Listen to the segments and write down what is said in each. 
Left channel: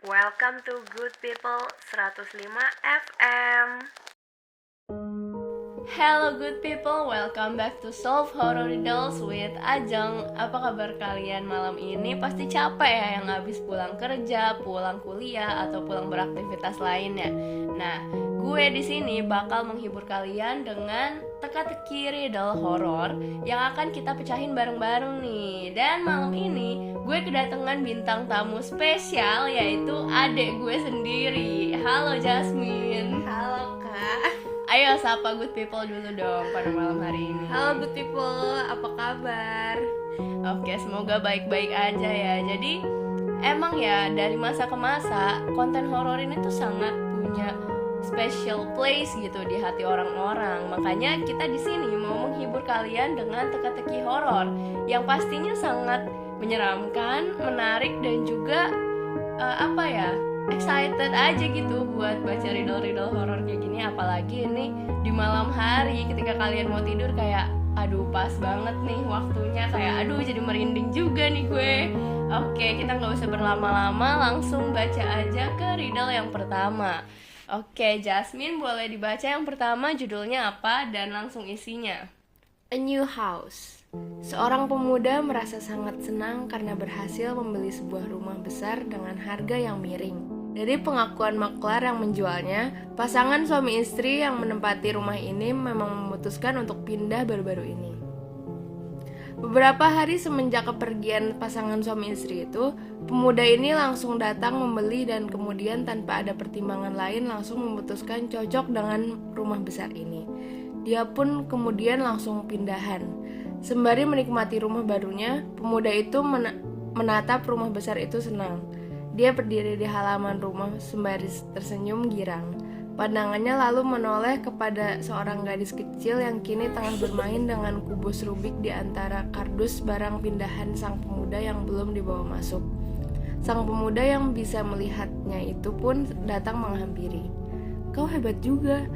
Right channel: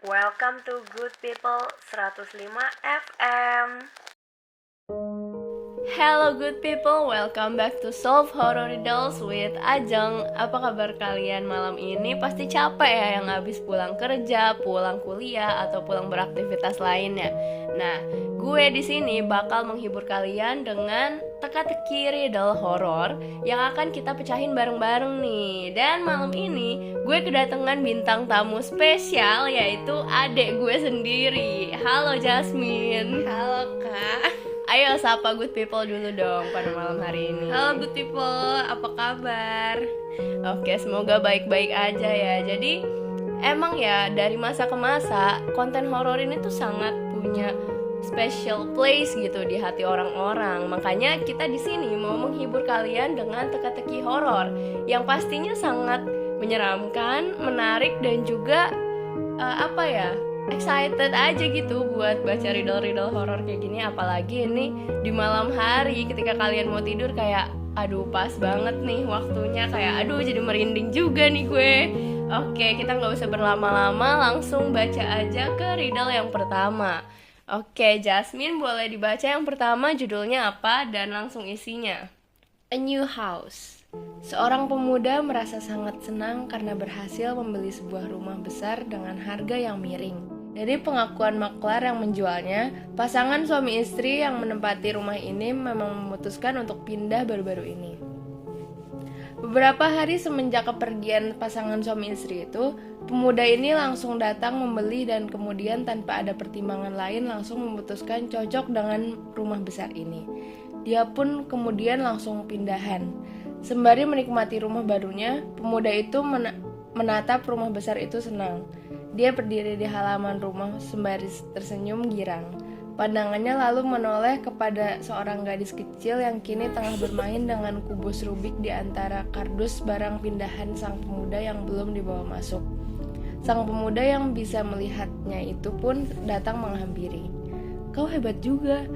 Welcome to Good People 105 FM. Hello good people, welcome back to Solve Horror Riddles with Ajeng. Apa kabar kalian malam ini? Pasti capek ya yang habis pulang kerja, pulang kuliah, atau pulang beraktivitas lainnya. Nah, gue di sini bakal menghibur kalian dengan teka-teki riddle horor yang akan kita pecahin bareng-bareng nih. Dan malam ini gue kedatangan bintang tamu spesial, yaitu adik gue sendiri. Halo Jasmine. Halo Kak. Ayo sapa good people dulu dong pada malam hari ini. Halo good people, apa kabar? Oke, semoga baik-baik aja ya. Jadi emang ya dari masa ke masa konten horor ini tuh sangat punya special place gitu di hati orang-orang. Makanya kita di sini mau menghibur kalian dengan teka-teki horor yang pastinya sangat menyeramkan, menarik dan juga excited aja gitu buat baca riddle-riddle horor kayak gini. Apalagi ini di malam hari ketika kalian mau tidur, kayak aduh pas banget nih waktunya, kayak aduh jadi merinding juga nih gue. Oke, kita gak usah berlama-lama, langsung baca aja ke riddle yang pertama. Oke, Jasmine boleh dibaca yang pertama, judulnya apa dan langsung isinya. A new house. Seorang pemuda merasa sangat senang karena berhasil membeli sebuah rumah besar dengan harga yang miring. Dari pengakuan maklar yang menjualnya, pasangan suami istri yang menempati rumah ini memang memutuskan untuk pindah baru-baru ini. Beberapa hari semenjak kepergian pasangan suami istri itu, pemuda ini langsung datang membeli dan kemudian tanpa ada pertimbangan lain langsung memutuskan cocok dengan rumah besar ini. Dia pun kemudian langsung pindahan. Sembari menikmati rumah barunya, pemuda itu menatap rumah besar itu senang. Dia berdiri di halaman rumah sembari tersenyum girang. Pandangannya lalu menoleh kepada seorang gadis kecil yang kini tengah bermain dengan kubus Rubik di antara kardus barang pindahan sang pemuda yang belum dibawa masuk. Sang pemuda yang bisa melihatnya itu pun datang menghampiri. "Kau hebat juga,"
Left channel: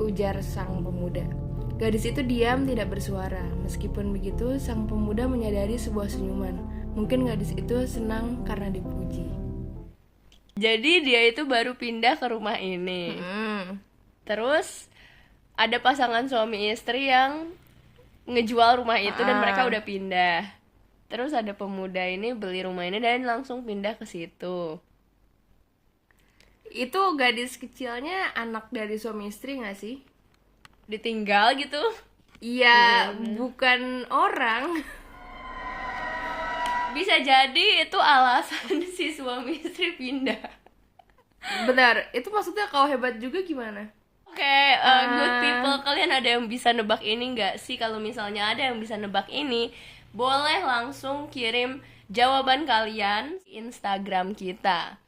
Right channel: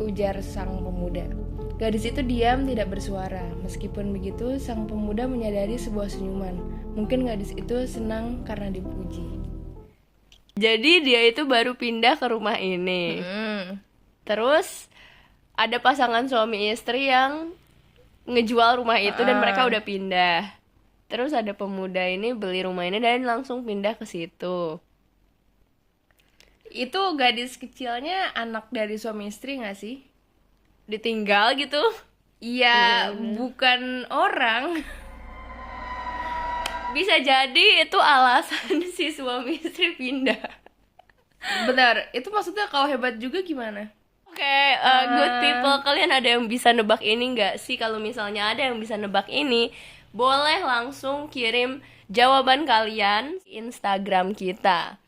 ujar sang pemuda. Gadis itu diam tidak bersuara. Meskipun begitu, sang pemuda menyadari sebuah senyuman. Mungkin gadis itu senang karena dipuji. Jadi dia itu baru pindah ke rumah ini. Terus ada pasangan suami istri yang ngejual rumah itu dan mereka udah pindah. Terus ada pemuda ini beli rumah ini dan langsung pindah ke situ. Itu gadis kecilnya anak dari suami istri gak sih? Ditinggal gitu? Iya, bukan orang. Bisa jadi itu alasan si suami istri pindah. Benar, itu maksudnya kalau hebat juga gimana? Oke, good people, kalian ada yang bisa nebak ini nggak sih? Kalau misalnya ada yang bisa nebak ini, boleh langsung kirim jawaban kalian di Instagram kita.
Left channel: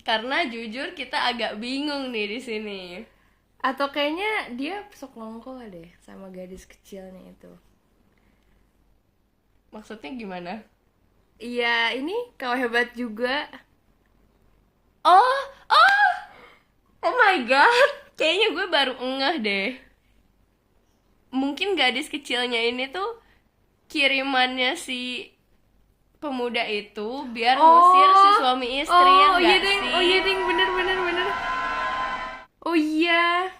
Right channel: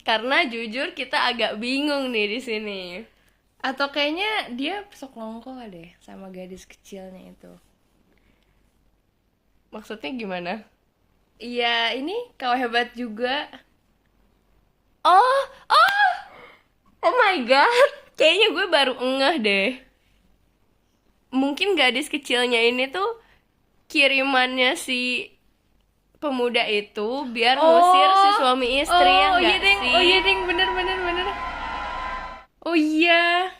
Karena jujur kita agak bingung nih di sini. Atau kayaknya dia sekongkol deh sama gadis kecilnya itu. Maksudnya gimana? Iya, ini kau hebat juga. Oh my god, kayaknya gue baru ngeh deh. Mungkin gadis kecilnya ini tuh kirimannya si pemuda itu biar ngusir si suami istri, ya nggak sih? Oh iya ding, bener. Oh iya.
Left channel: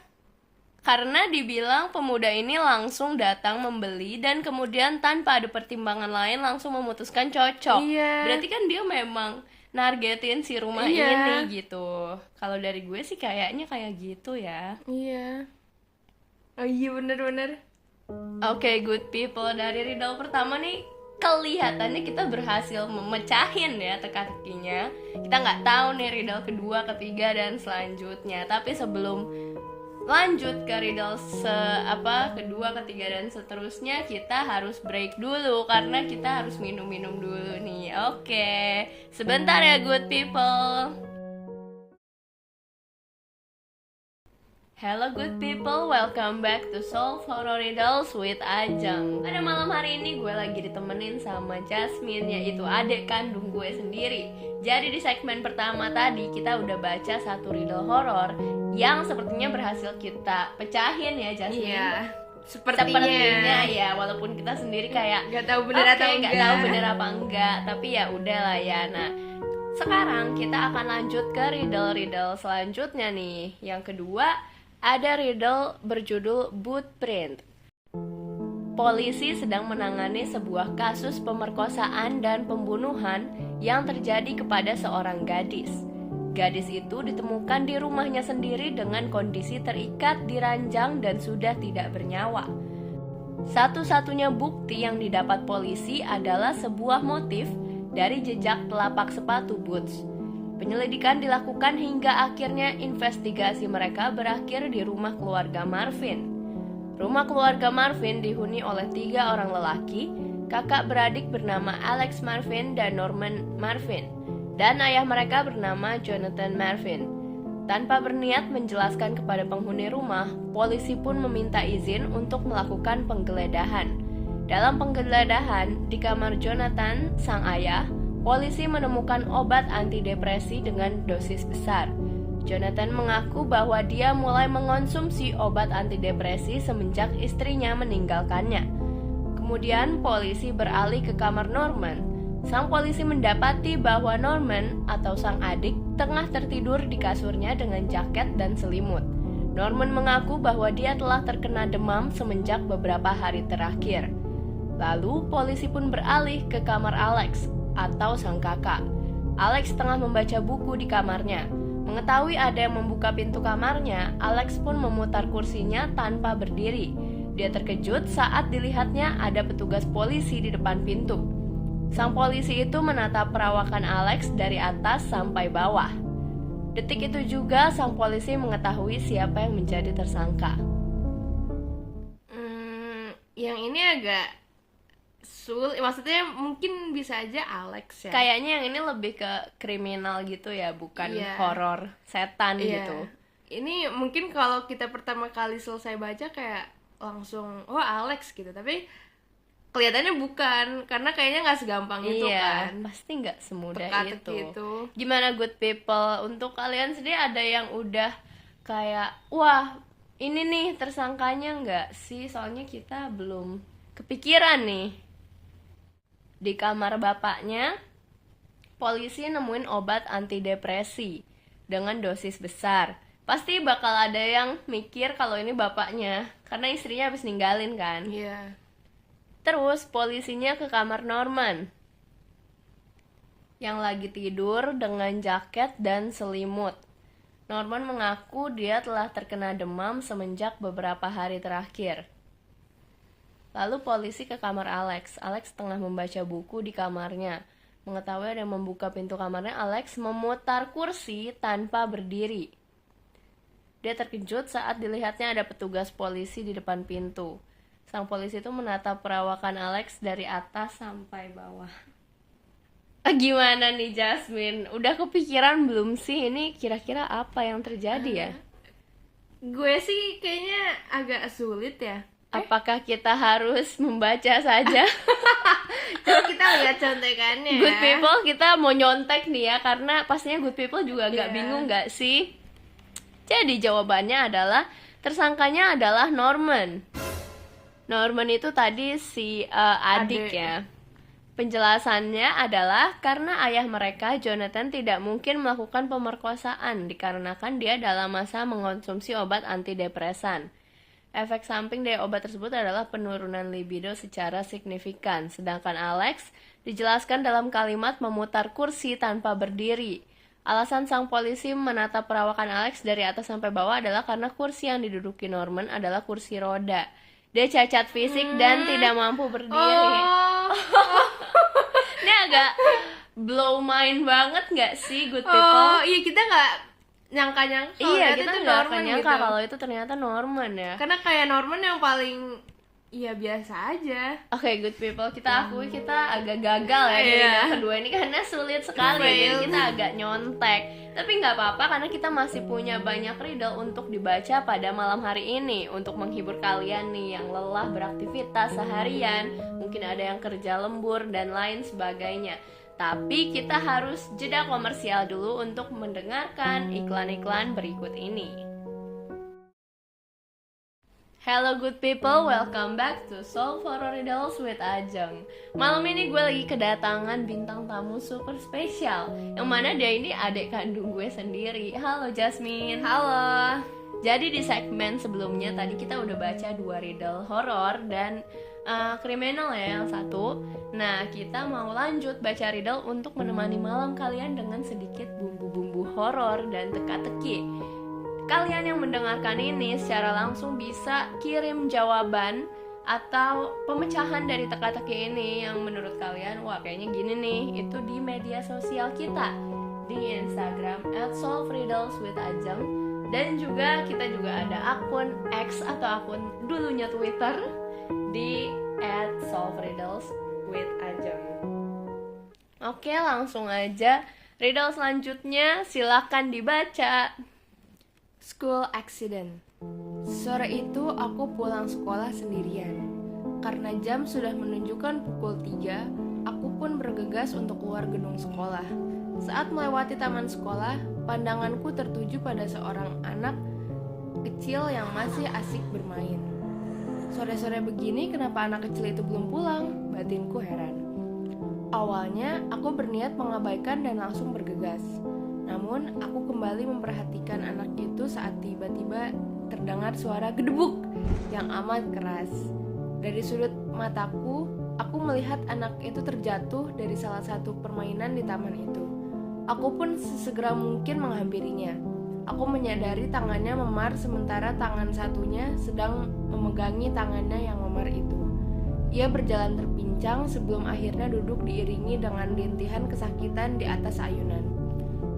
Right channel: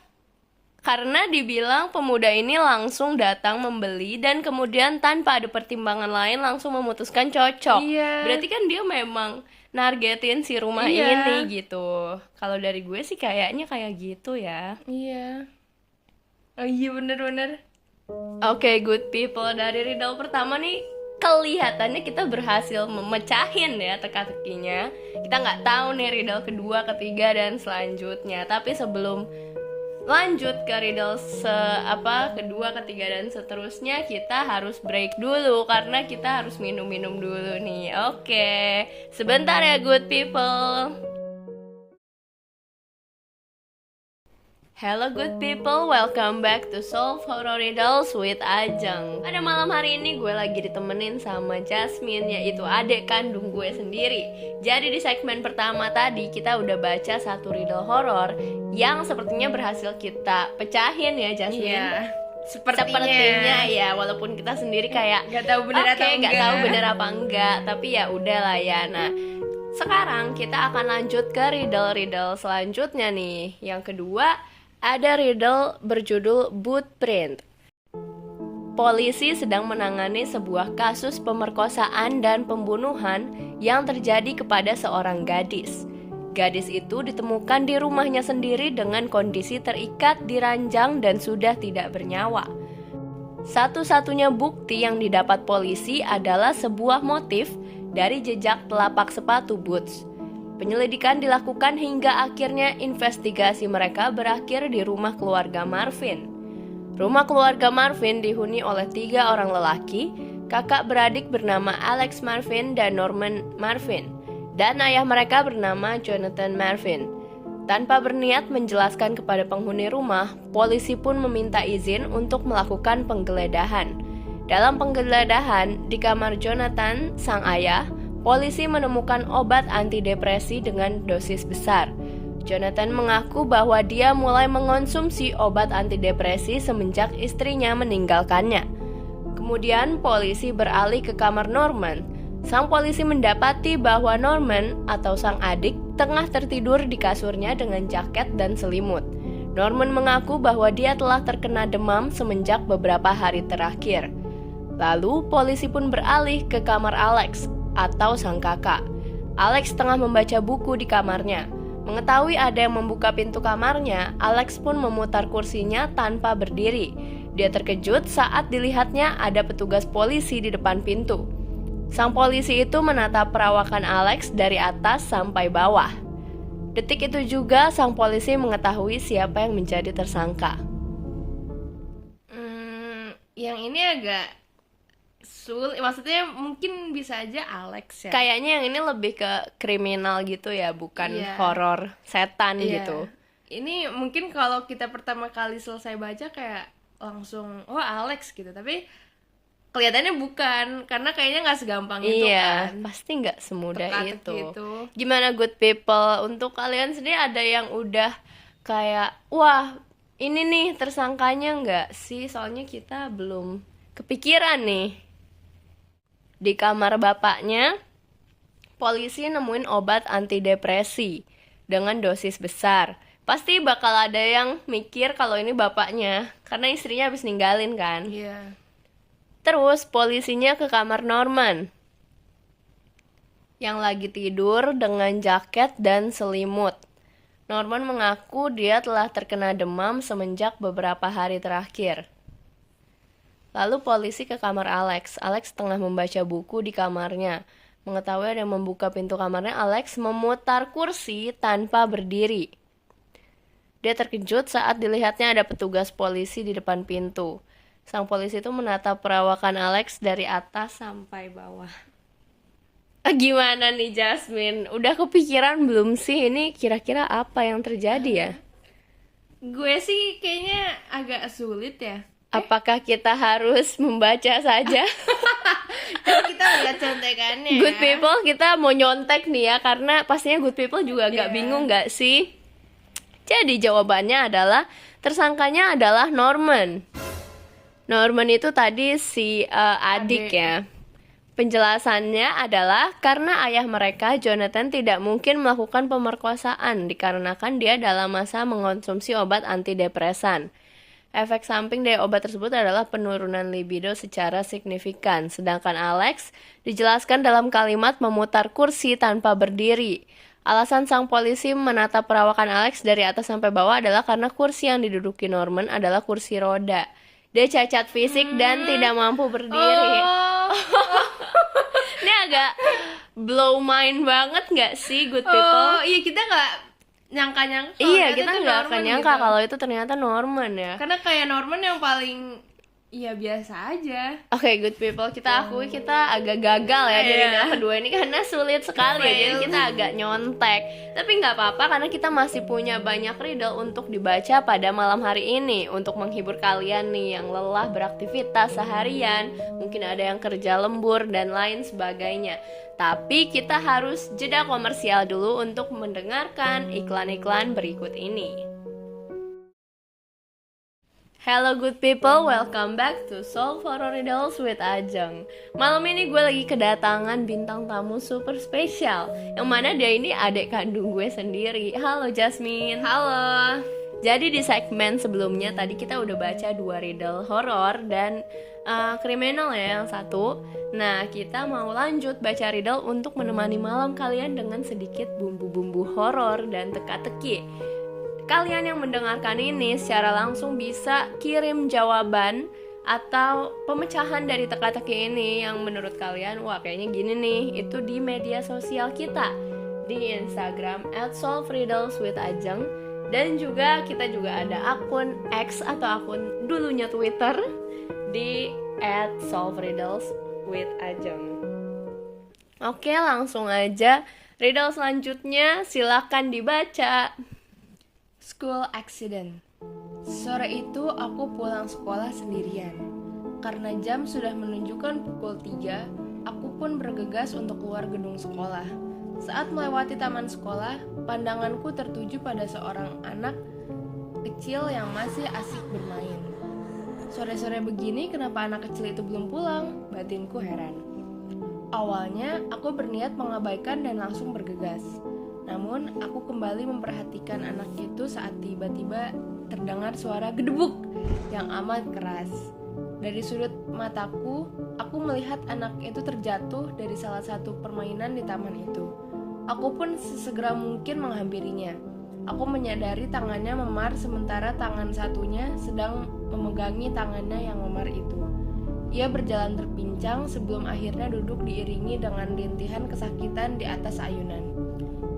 Karena dibilang pemuda ini langsung datang membeli dan kemudian tanpa ada pertimbangan lain langsung memutuskan cocok. Iya. Berarti kan dia memang nargetin si rumah Iya. ini gitu. Kalau dari gue sih kayaknya kayak gitu ya. Iya. Oh iya bener. Oke, good people, dari riddle pertama nih kelihatannya kita berhasil memecahin ya teka-tekinya. Kita nggak tahu nih riddle kedua, ketiga dan selanjutnya. Tapi sebelum lanjut ke riddle kedua, ketiga dan seterusnya, kita harus break dulu karena kita harus minum-minum dulu nih. Oke, sebentar ya good people. Hello good people, welcome back to Solve Horror Riddles with Ajeng. Pada malam hari ini gue lagi ditemenin sama Jasmine, yaitu adik kandung gue sendiri. Jadi di segmen pertama tadi kita udah baca satu riddle horror yang sepertinya berhasil kita pecahin ya Jasmine. Iya. Sepertinya ya, walaupun kita sendiri kayak nggak tahu bener atau nggak tahu enggak. bener apa enggak, tapi ya udahlah ya. Nah, Sekarang kita akan lanjut ke riddle-riddle selanjutnya nih. Yang kedua, ada riddle berjudul Bootprint. Polisi sedang menangani sebuah kasus pemerkosaan dan pembunuhan yang terjadi kepada seorang gadis. Gadis itu ditemukan di rumahnya sendiri dengan kondisi terikat di ranjang dan sudah tidak bernyawa. Satu-satunya bukti yang didapat polisi adalah sebuah motif dari jejak telapak sepatu boots. Penyelidikan dilakukan hingga akhirnya investigasi mereka berakhir di rumah keluarga Marvin. Rumah keluarga Marvin dihuni oleh 3 orang lelaki, kakak beradik bernama Alex Marvin dan Norman Marvin, dan ayah mereka bernama Jonathan Marvin. Tanpa berniat menjelaskan kepada penghuni rumah, polisi pun meminta izin untuk melakukan penggeledahan. Dalam penggeledahan di kamar Jonathan, sang ayah, polisi menemukan obat antidepresi dengan dosis besar. Jonathan mengaku bahwa dia mulai mengonsumsi obat antidepresi semenjak istrinya meninggalkannya. Kemudian polisi beralih ke kamar Norman. Sang polisi mendapati bahwa Norman atau sang adik tengah tertidur di kasurnya dengan jaket dan selimut. Norman mengaku bahwa dia telah terkena demam semenjak beberapa hari terakhir. Lalu polisi pun beralih ke kamar Alex atau sang kakak. Alex tengah membaca buku di kamarnya. Mengetahui ada yang membuka pintu kamarnya, Alex pun memutar kursinya tanpa berdiri. Dia terkejut saat dilihatnya ada petugas polisi di depan pintu. Sang polisi itu menatap perawakan Alex dari atas sampai bawah. Detik itu juga sang polisi mengetahui siapa yang menjadi tersangka. Yang ini agak sulit, maksudnya mungkin bisa aja Alex ya. Kayaknya yang ini lebih ke kriminal gitu ya, bukan horor setan gitu. Ini mungkin kalau kita pertama kali selesai baca kayak langsung Alex gitu, tapi kelihatannya bukan, karena kayaknya nggak segampang itu kan. Pasti nggak semudah itu. Gitu. Gimana good people? Untuk kalian sendiri ada yang udah kayak wah ini nih tersangkanya nggak sih? Soalnya kita belum kepikiran nih. Di kamar bapaknya, polisi nemuin obat antidepresi dengan dosis besar. Pasti bakal ada yang mikir kalau ini bapaknya, karena istrinya habis ninggalin kan. Iya. Terus polisinya ke kamar Norman, yang lagi tidur dengan jaket dan selimut. Norman mengaku dia telah terkena demam semenjak beberapa hari terakhir. Lalu polisi ke kamar Alex. Alex tengah membaca buku di kamarnya. Mengetahui ada yang membuka pintu kamarnya, Alex memutar kursi tanpa berdiri. Dia terkejut saat dilihatnya ada petugas polisi di depan pintu. Sang polisi itu menatap perawakan Alex dari atas sampai bawah. Gimana nih Jasmine? Udah kepikiran belum sih ini kira-kira apa yang terjadi ya? Gue sih kayaknya agak sulit ya. Apakah kita harus membaca saja? Kalau kita lihat contekannya. Good people, kita mau nyontek nih ya, karena pastinya good people juga agak bingung gak sih? Jadi jawabannya adalah tersangkanya adalah Norman. Norman itu tadi si adik ya. Penjelasannya adalah karena ayah mereka, Jonathan, tidak mungkin melakukan pemerkosaan dikarenakan dia dalam masa mengonsumsi obat antidepresan. Efek samping dari obat tersebut adalah penurunan libido secara signifikan. Sedangkan Alex dijelaskan dalam kalimat memutar kursi tanpa berdiri. Alasan sang polisi menatap perawakan Alex dari atas sampai bawah adalah karena kursi yang diduduki Norman adalah kursi roda. Dia cacat fisik dan tidak mampu berdiri. Ini agak blow mind banget gak sih good people? Iya, kita gak nyangka-nyangka. Iya, kita gak akan nyangka gitu. Kalau itu ternyata Norman ya. Karena kayak Norman yang paling biasa aja. Oke, good people, kita akui kita agak gagal ya dari riddle kedua ini karena sulit sekali ya, jadi kita agak nyontek. Tapi nggak apa-apa karena kita masih punya banyak riddle untuk dibaca pada malam hari ini untuk menghibur kalian nih yang lelah beraktivitas seharian, mungkin ada yang kerja lembur dan lain sebagainya. Tapi kita harus jeda komersial dulu untuk mendengarkan iklan-iklan berikut ini. Hello good people, welcome back to Solve Horror Riddles with Ajeng. Malam ini gue lagi kedatangan bintang tamu super spesial, yang mana dia ini adik kandung gue sendiri. Halo Jasmine. Halo. Jadi di segmen sebelumnya tadi kita udah baca 2 riddle horor dan kriminal ya yang satu. Nah kita mau lanjut baca riddle untuk menemani malam kalian dengan sedikit bumbu-bumbu horor dan teka-teki. Kalian yang mendengarkan ini secara langsung bisa kirim jawaban atau pemecahan dari teka-teki ini yang menurut kalian wah kayaknya gini nih, itu di media sosial kita di Instagram @solveriddleswithajeng, dan juga kita juga ada akun X atau akun dulunya Twitter di @solveriddleswithajeng. Oke, langsung aja riddle selanjutnya silakan dibaca. School accident. Sore itu aku pulang sekolah sendirian. Karena jam sudah menunjukkan pukul 3, aku pun bergegas untuk keluar gedung sekolah. Saat melewati taman sekolah, pandanganku tertuju pada seorang anak kecil yang masih asik bermain. Sore-sore begini kenapa anak kecil itu belum pulang? Batinku heran. Awalnya aku berniat mengabaikan dan langsung bergegas. Namun, aku kembali memperhatikan anak itu saat tiba-tiba terdengar suara gedebuk yang amat keras. Dari sudut mataku, aku melihat anak itu terjatuh dari salah satu permainan di taman itu. Aku pun sesegera mungkin menghampirinya. Aku menyadari tangannya memar sementara tangan satunya sedang memegangi tangannya yang memar itu. Ia berjalan terpincang sebelum akhirnya duduk diiringi dengan rintihan kesakitan di atas ayunan.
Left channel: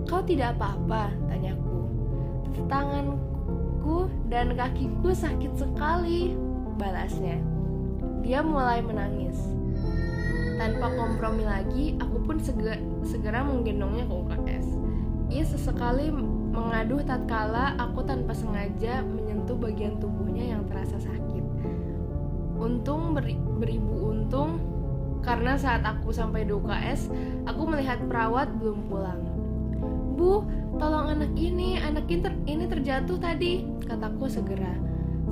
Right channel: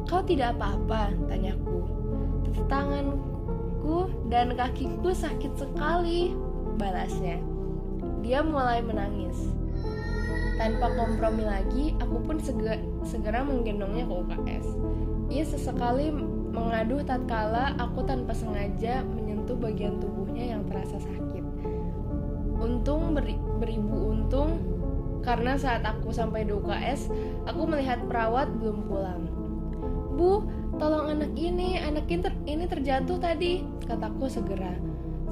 "Kau tidak apa-apa?" tanyaku. "Tanganku dan kakiku sakit sekali," balasnya. Dia mulai menangis. Tanpa kompromi lagi, aku pun segera menggendongnya ke UKS. Ia sesekali mengaduh tatkala aku tanpa sengaja menyentuh bagian tubuhnya yang terasa sakit. Untung beribu untung, karena saat aku sampai di UKS, aku melihat perawat belum pulang. "Bu, tolong anak ini terjatuh tadi," kataku segera.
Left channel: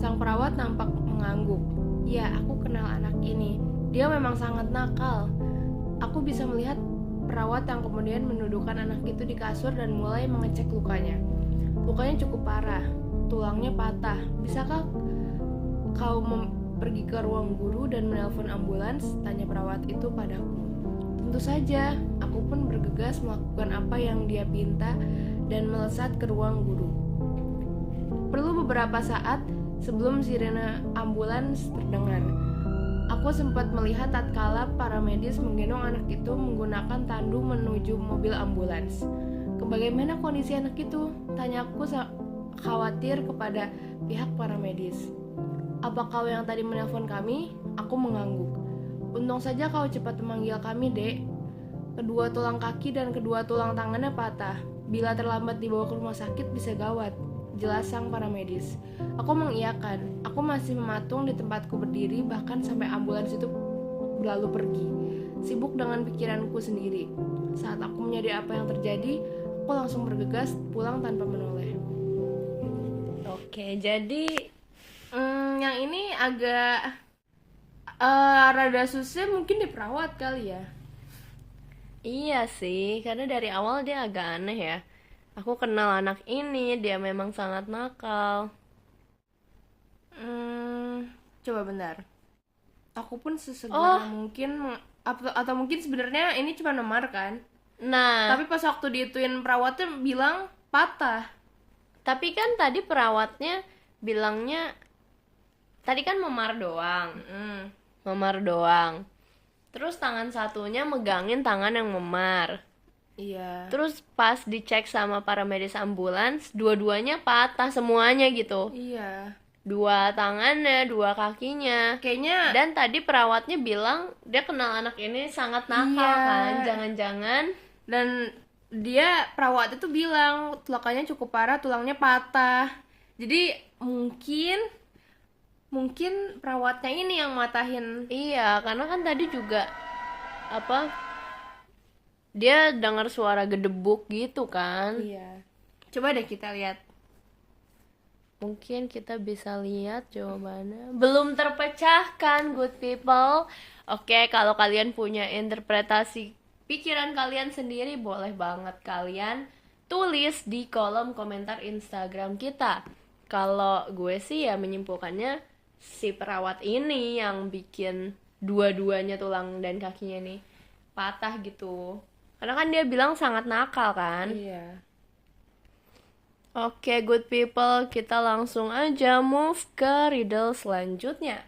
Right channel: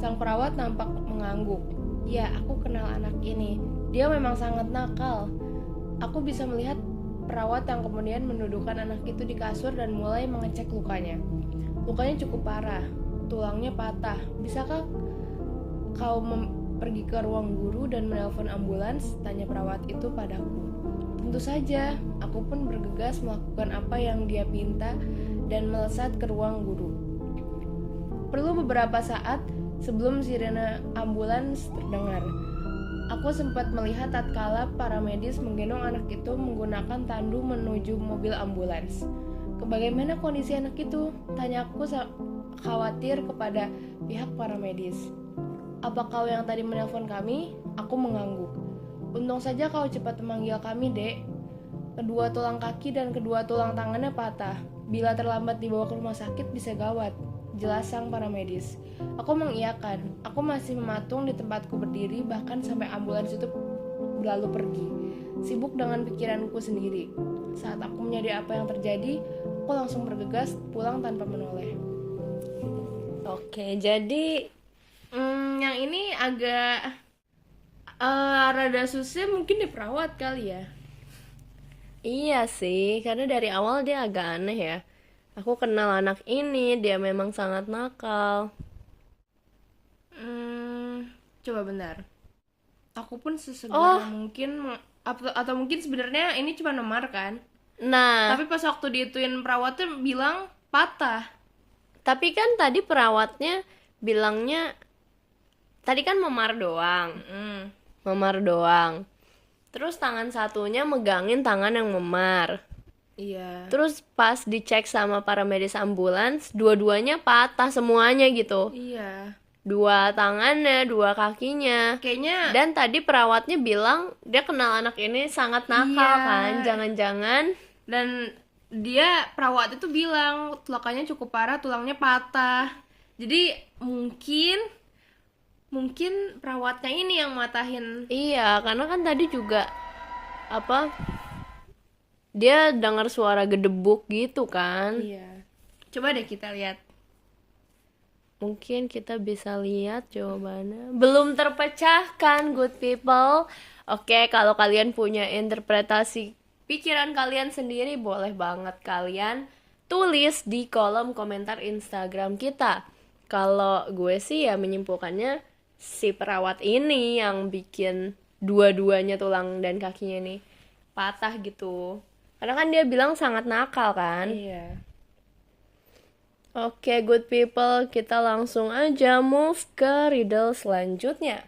Sang perawat nampak mengangguk. "Ya, aku kenal anak ini. Dia memang sangat nakal." Aku bisa melihat perawat yang kemudian menundukkan anak itu di kasur dan mulai mengecek lukanya. Lukanya cukup parah, tulangnya patah. "Bisakah kau pergi ke ruang guru dan menelpon ambulans?" tanya perawat itu padaku. Tentu saja, aku pun bergegas melakukan apa yang dia pinta dan melesat ke ruang guru. Perlu beberapa saat sebelum sirene ambulans terdengar. Aku sempat melihat tatkala para medis menggendong anak itu menggunakan tandu menuju mobil ambulans. "Bagaimana kondisi anak itu?" tanyaku khawatir kepada pihak para medis. "Apa kau yang tadi menelpon kami?" Aku mengangguk. "Untung saja kau cepat memanggil kami, Dek. Kedua tulang kaki dan kedua tulang tangannya patah. Bila terlambat dibawa ke rumah sakit bisa gawat," jelas sang paramedis. Aku mengiyakan. Aku masih mematung di tempatku berdiri bahkan sampai ambulans itu berlalu pergi, sibuk dengan pikiranku sendiri. Saat aku menyadari apa yang terjadi, aku langsung bergegas pulang tanpa menoleh. Oke, jadi Yang ini agak rada susah, mungkin di perawat kali ya. iya sih, karena dari awal dia agak aneh ya. Aku kenal anak ini, dia memang sangat nakal. Coba bentar. Aku pun sesegera mungkin atau mungkin sebenarnya ini cuma memar kan. Nah, Tapi pas waktu diituin perawatnya bilang patah. tapi kan tadi perawatnya bilangnya tadi kan memar doang. Memar doang. Terus tangan satunya megangin tangan yang memar. Iya. Terus pas dicek sama para medis ambulans, dua-duanya patah semuanya gitu. Iya. Dua tangannya, dua kakinya. Kayaknya Dan tadi perawatnya bilang dia kenal anak ini sangat nakal Iya. kan. Jangan-jangan dan dia perawat itu bilang tulangnya cukup parah, tulangnya patah. Jadi mungkin perawatnya ini yang matahin. iya, karena kan tadi juga apa? Dia dengar suara gedebuk gitu kan. Iya. Coba deh kita lihat. Mungkin kita bisa lihat jawabannya. Belum terpecahkan, good people. Oke, kalau kalian punya interpretasi pikiran kalian sendiri, boleh banget kalian tulis di kolom komentar Instagram kita. Kalau gue sih ya menyimpulkannya si perawat ini yang bikin dua-duanya tulang dan kakinya ini patah gitu. Karena kan dia bilang sangat nakal kan. Iya. Oke, good people, kita langsung aja move ke riddle selanjutnya.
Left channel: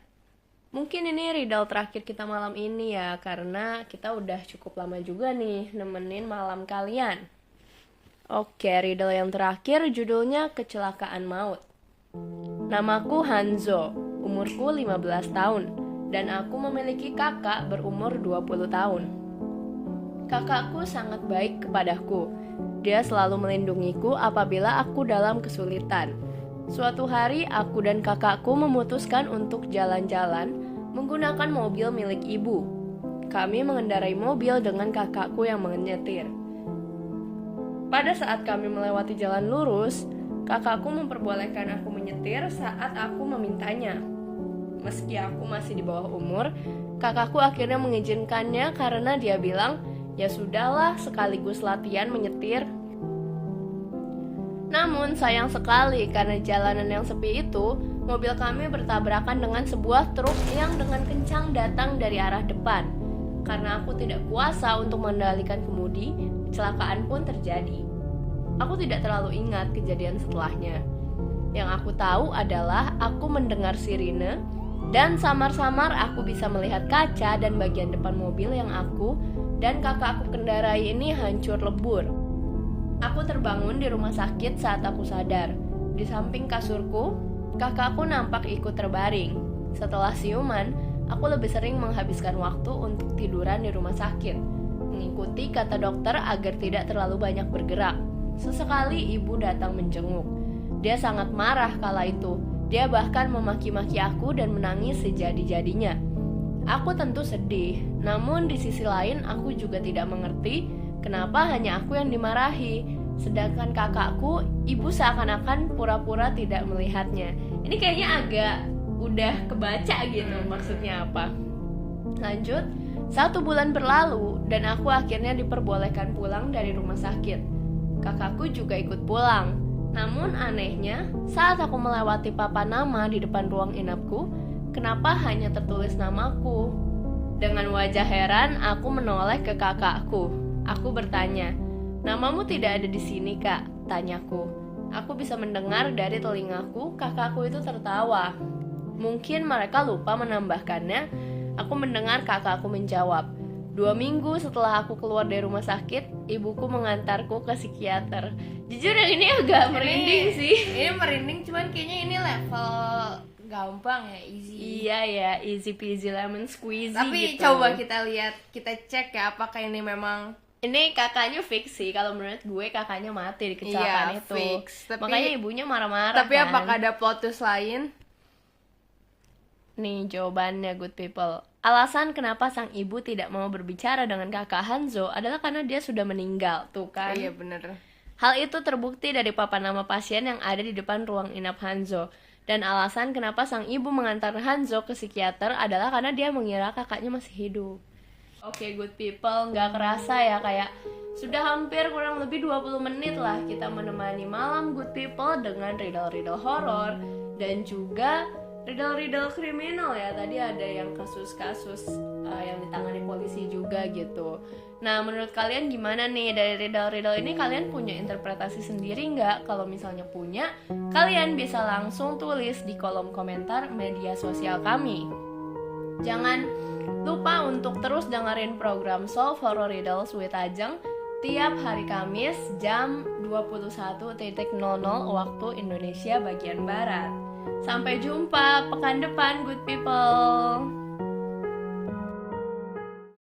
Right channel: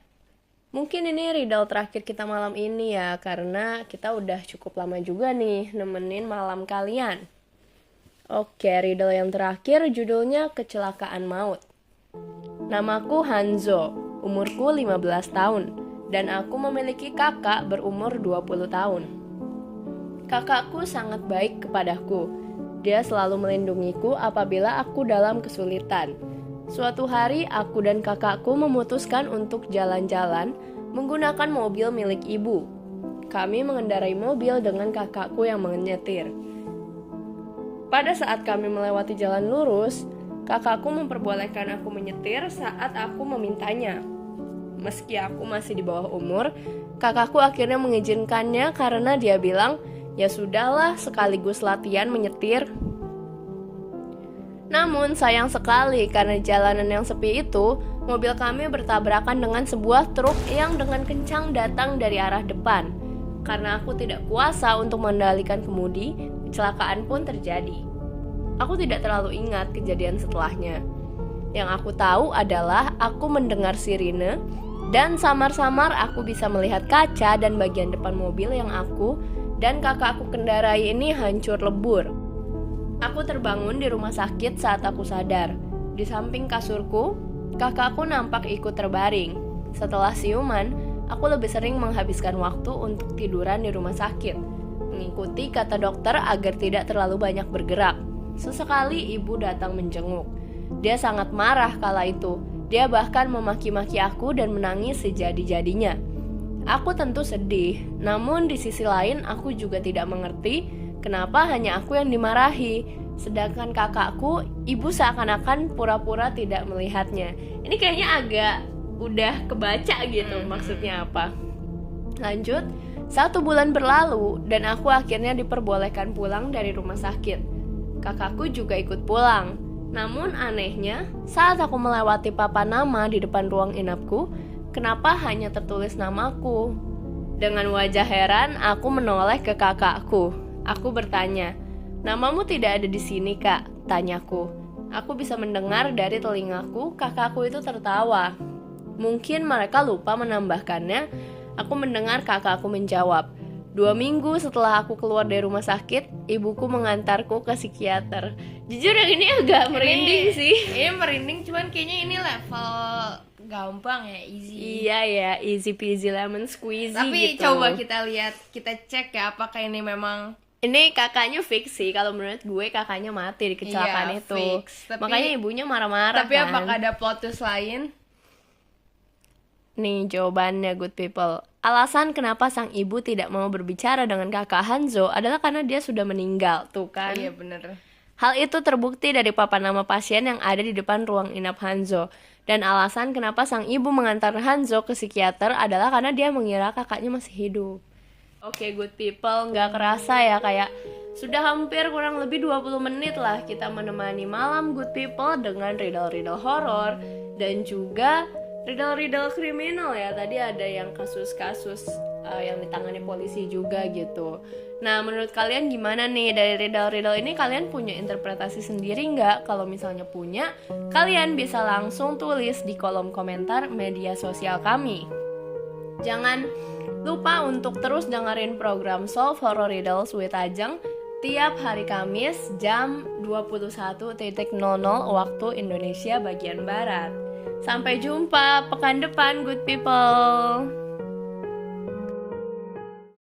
Mungkin ini riddle terakhir kita malam ini ya, karena kita udah cukup lama juga nih nemenin malam kalian. Oke, riddle yang terakhir judulnya Kecelakaan Maut. Namaku Hanzo, umurku 15 tahun, dan aku memiliki kakak berumur 20 tahun. Kakakku sangat baik kepadaku. Dia selalu melindungiku apabila aku dalam kesulitan. Suatu hari, aku dan kakakku memutuskan untuk jalan-jalan menggunakan mobil milik ibu. Kami mengendarai mobil dengan kakakku yang menyetir. Pada saat kami melewati jalan lurus, kakakku memperbolehkan aku menyetir saat aku memintanya. Meski aku masih di bawah umur, kakakku akhirnya mengizinkannya karena dia bilang, "Ya sudahlah, sekaligus latihan menyetir." Namun sayang sekali karena jalanan yang sepi itu, mobil kami bertabrakan dengan sebuah truk yang dengan kencang datang dari arah depan. Karena aku tidak kuasa untuk mengendalikan kemudi, kecelakaan pun terjadi. Aku tidak terlalu ingat kejadian setelahnya. Yang aku tahu adalah aku mendengar sirine dan samar-samar aku bisa melihat kaca dan bagian depan mobil yang aku dan kakakku kendarai ini hancur lebur. Aku terbangun di rumah sakit saat aku sadar. Di samping kasurku, kakakku nampak ikut terbaring. Setelah siuman, aku lebih sering menghabiskan waktu untuk tiduran di rumah sakit, mengikuti kata dokter agar tidak terlalu banyak bergerak. Sesekali ibu datang menjenguk. Dia sangat marah kala itu. Dia bahkan memaki-maki aku dan menangis sejadi-jadinya. Aku tentu sedih, namun di sisi lain aku juga tidak mengerti kenapa hanya aku yang dimarahi, sedangkan kakakku, ibu seakan-akan pura-pura tidak melihatnya. Ini kayaknya agak udah kebaca gitu maksudnya apa. Lanjut, 1 bulan berlalu dan aku akhirnya diperbolehkan pulang dari rumah sakit. Kakakku juga ikut pulang. Namun anehnya, saat aku melewati papan nama di depan ruang inapku, kenapa hanya tertulis namaku? Dengan wajah heran, aku menoleh ke kakakku. Aku bertanya, "Namamu tidak ada di sini, Kak?" tanyaku. Aku bisa mendengar dari telingaku, kakakku itu tertawa. Mungkin mereka lupa menambahkannya. Aku mendengar kakakku menjawab, 2 minggu setelah aku keluar dari rumah sakit, ibuku mengantarku ke psikiater. Jujur yang ini agak merinding sih. Ini merinding, cuman kayaknya ini level gampang ya, easy. Iya ya, easy peasy lemon squeezy. Tapi gitu. coba kita lihat, kita cek ya apakah ini memang. Ini kakaknya fix sih, kalau menurut gue kakaknya mati di kecelakaan itu. Fix. Makanya ibunya marah-marah. Tapi kan? apakah ada plot twist lain? Nih jawabannya, good people. Alasan kenapa sang ibu tidak mau berbicara dengan kakak Hanzo adalah karena dia sudah meninggal, tuh kan? Iya bener. Hal itu terbukti dari papan nama pasien yang ada di depan ruang inap Hanzo. Dan alasan kenapa sang ibu mengantar Hanzo ke psikiater adalah karena dia mengira kakaknya masih hidup. Oke, good people, nggak kerasa ya, kayak sudah hampir kurang lebih 20 menit lah kita menemani malam good people dengan riddle-riddle horor dan juga riddle-riddle kriminal ya. Tadi ada yang kasus-kasus yang ditangani polisi juga gitu. Nah, menurut kalian gimana nih dari riddle-riddle ini? Kalian punya interpretasi sendiri nggak? Kalau misalnya punya, kalian bisa langsung tulis di kolom komentar media sosial kami. Jangan lupa untuk terus dengerin program Solve Horror Riddles with Ajeng tiap hari Kamis jam 21.00 waktu Indonesia bagian Barat. Sampai jumpa pekan depan, good people.